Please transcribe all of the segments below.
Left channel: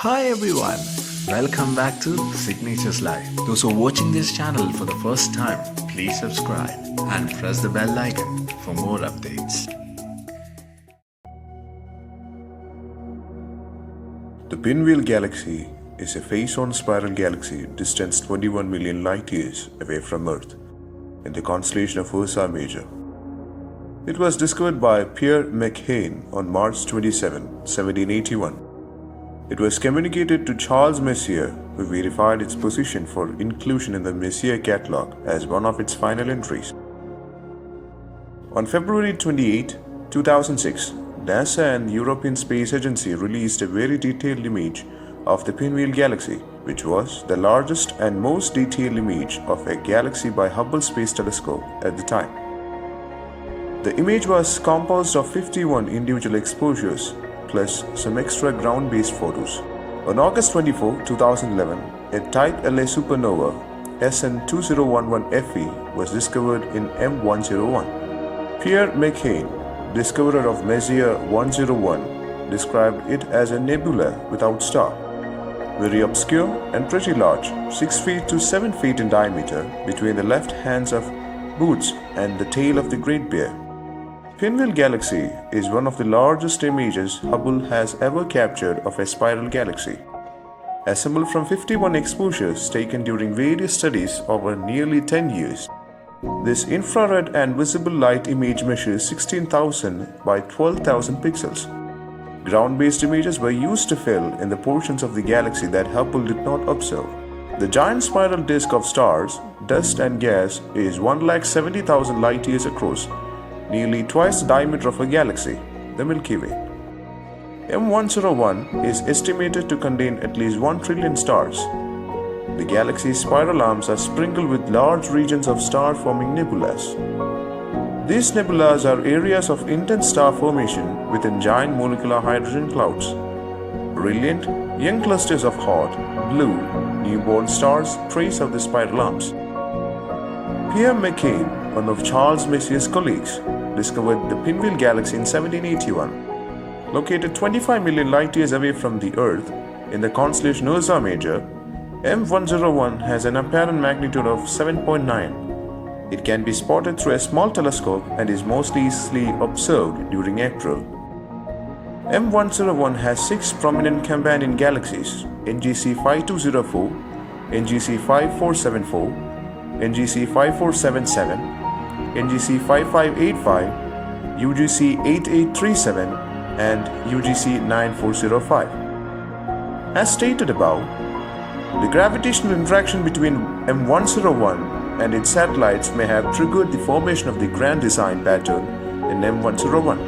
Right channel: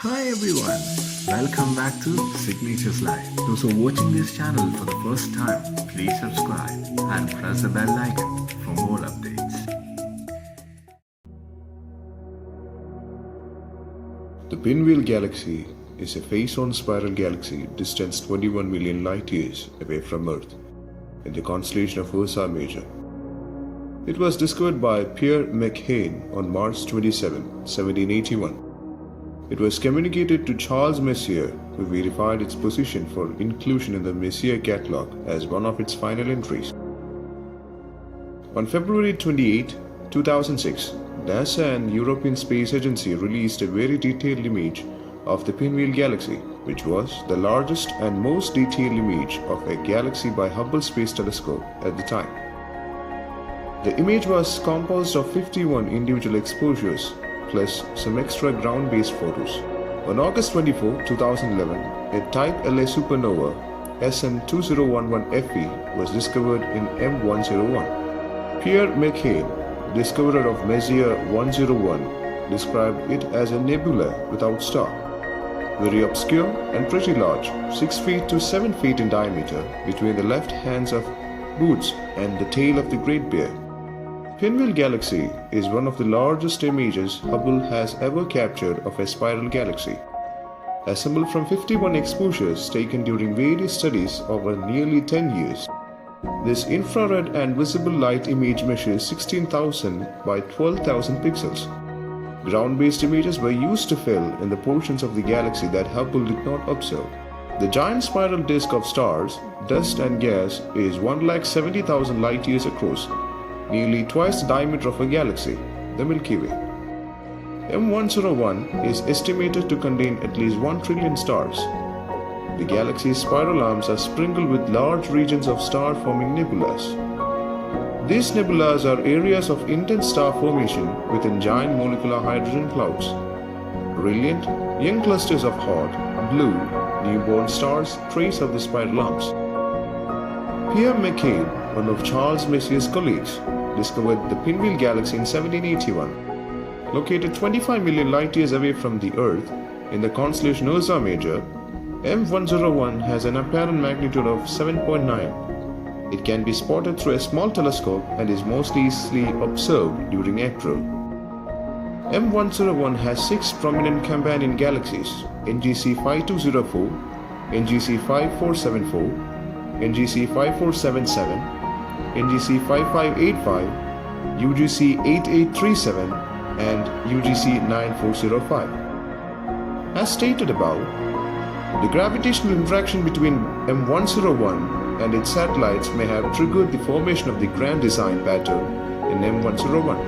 Hi everyone, welcome back to Signatures Live. Those who are watching this channel for the first time, please subscribe and press the bell icon for more updates. The Pinwheel Galaxy is a face-on spiral galaxy distanced 21 million light-years away from Earth in the constellation of Ursa Major. It was discovered by Pierre McHane on March 27, 1781. It was communicated to Charles Messier, who verified its position for inclusion in the Messier catalog as one of its final entries. On February 28, 2006, NASA and European Space Agency released a very detailed image of the Pinwheel Galaxy, which was the largest and most detailed image of a galaxy by Hubble Space Telescope at the time. The image was composed of 51 individual exposures plus some extra ground-based photos. On August 24, 2011, a Type La supernova SN2011FE was discovered in M101. Pierre McHane, discoverer of Messier 101, described it as a nebula without star. Very obscure and pretty large, 6 feet to 7 feet in diameter between the left hands of Boots and the tail of the Great Bear. Pinwheel Galaxy is one of the largest images Hubble has ever captured of a spiral galaxy. Assembled from 51 exposures taken during various studies over nearly 10 years, this infrared and visible light image measures 16,000 by 12,000 pixels. Ground-based images were used to fill in the portions of the galaxy that Hubble did not observe. The giant spiral disk of stars, dust and gas is 170,000 light-years across, nearly twice the diameter of a galaxy, the Milky Way. M101 is estimated to contain at least 1 trillion stars. The galaxy's spiral arms are sprinkled with large regions of star-forming nebulas. These nebulas are areas of intense star formation within giant molecular hydrogen clouds. Brilliant, young clusters of hot, blue, newborn stars trace out the spiral arms. Pierre McHane, one of Charles Messier's colleagues, discovered the Pinwheel Galaxy in 1781. Located 25 million light-years away from the Earth in the constellation Ursa Major, M101 has an apparent magnitude of 7.9. It can be spotted through a small telescope and is most easily observed during April. M101 has 6 prominent companion galaxies: NGC 5204, NGC 5474, NGC 5477, NGC 5585, UGC 8837, and UGC 9405. As stated above, the gravitational interaction between M101 and its satellites may have triggered the formation of the grand design pattern in M101.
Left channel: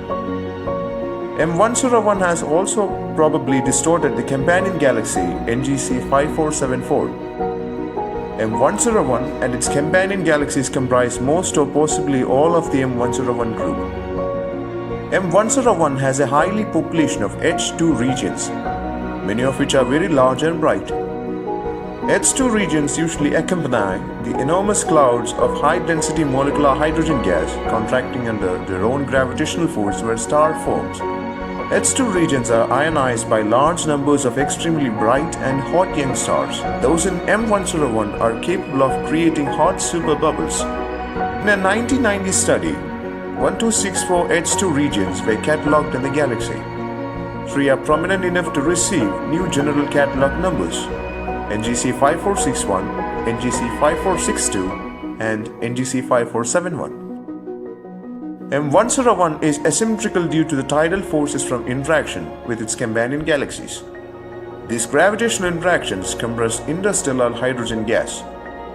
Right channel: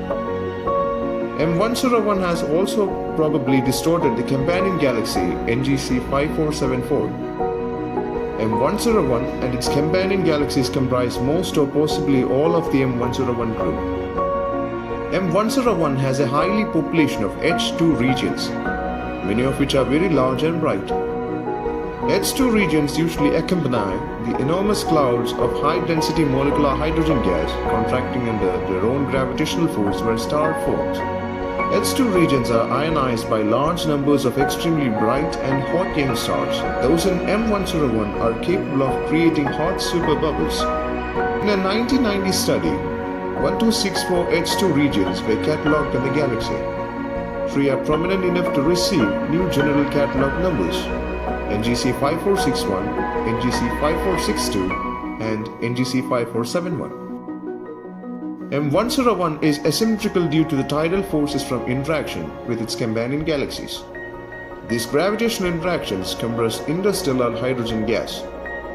M101 has also probably distorted the companion galaxy NGC 5474. M101 and its companion galaxies comprise most or possibly all of the M101 group. M101 has a highly population of H2 regions, many of which are very large and bright. H2 regions usually accompany the enormous clouds of high-density molecular hydrogen gas contracting under their own gravitational force where star forms. H2 regions are ionized by large numbers of extremely bright and hot young stars. Those in M101 are capable of creating hot superbubbles. In a 1990 study, 1264 H2 regions were catalogued in the galaxy. 3 are prominent enough to receive new general catalog numbers: NGC 5461, NGC 5462, and NGC 5471. M101 is asymmetrical due to the tidal forces from interaction with its companion galaxies. These gravitational interactions compress interstellar hydrogen gas,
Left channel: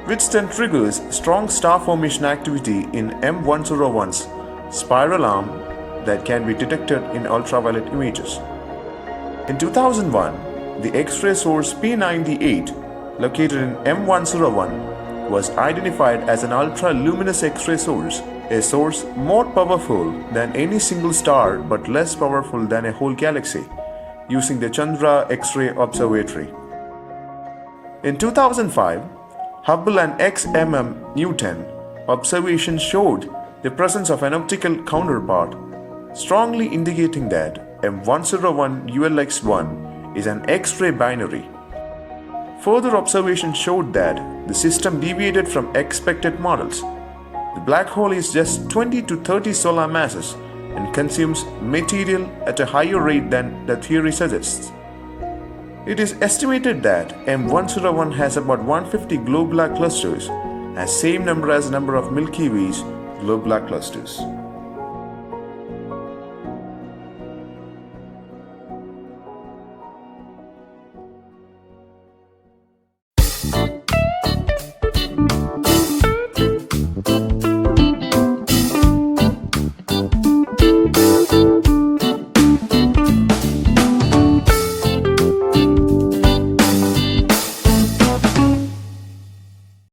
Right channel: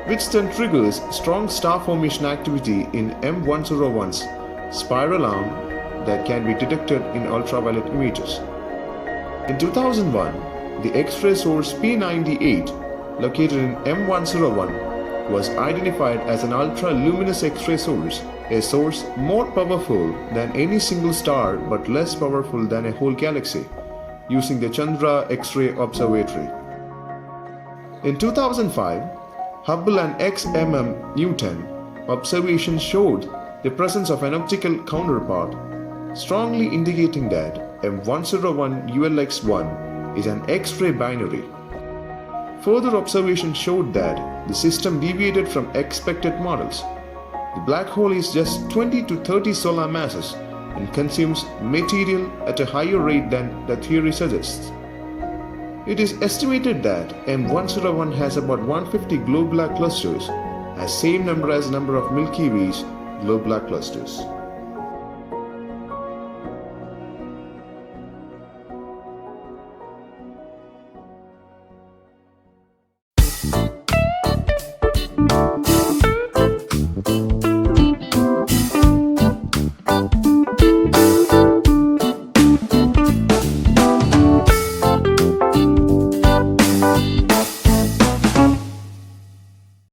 which then triggers strong star formation activity in M101's spiral arm that can be detected in ultraviolet images. In 2001, the X-ray source P98, located in M101, was identified as an ultra-luminous X-ray source, a source more powerful than any single star but less powerful than a whole galaxy, using the Chandra X-ray Observatory. In 2005, Hubble and XMM Newton observations showed the presence of an optical counterpart, strongly indicating that M101 ULX1 is an X-ray binary. Further observation showed that the system deviated from expected models. The black hole is just 20 to 30 solar masses and consumes material at a higher rate than the theory suggests. It is estimated that M101 has about 150 globe-black clusters, as same number as number of Milky Way's globe-black clusters.